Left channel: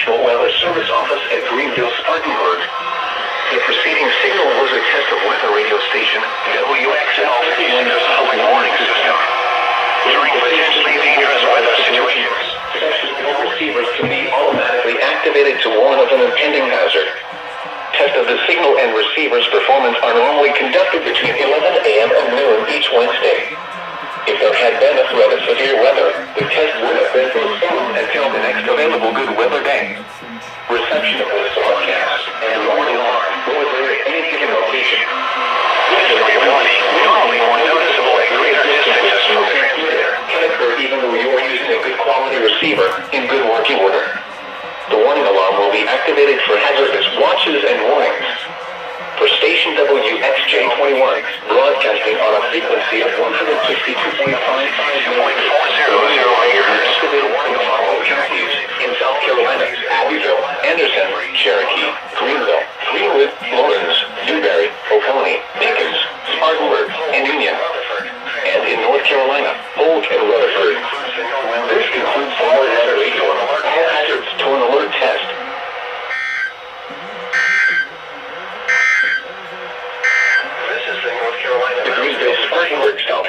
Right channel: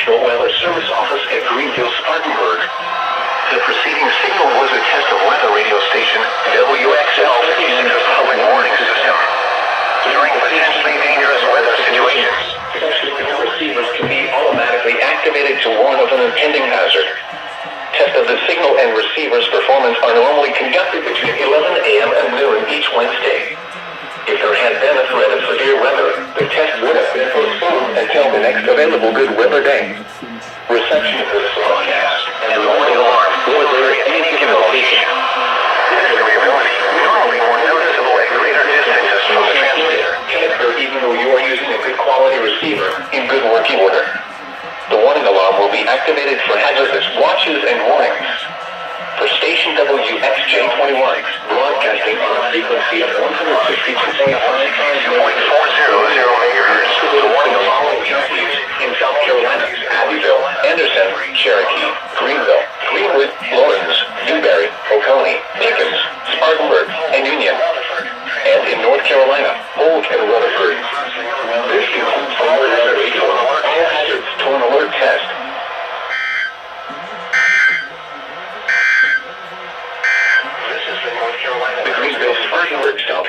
National Weather Service Office at Greenville, Spartanburg. The preceding signal was a test of weather radio station WXL56's public warning system. During potentially dangerous weather situations, receivers can be automatically activated to warn of an impending hazard. Tests of the signal and receiver's performance are normally conducted between 11 a.m. and noon each Wednesday. If there had been a threat of severe weather, the test would have been postponed until the next available good weather day. Reception of this broadcast and the alarm will occur at any given location. This variability, normally more noticeable at greater distances from the transmitter, can occur even though you are using a good quality receiver in good working order. The warning alarm will be activated for hazardous watches and warnings. For station WXJ21, broadcasting on a frequency of 162.5 megahertz, in South Carolina, Abbeville, Anderson, Cherokee, Greenville, Greenwood, Lawrence, Newberry, Oconee, Pickens, Spartanburg, and Union. And in North Carolina, Polk and Rutherford. This concludes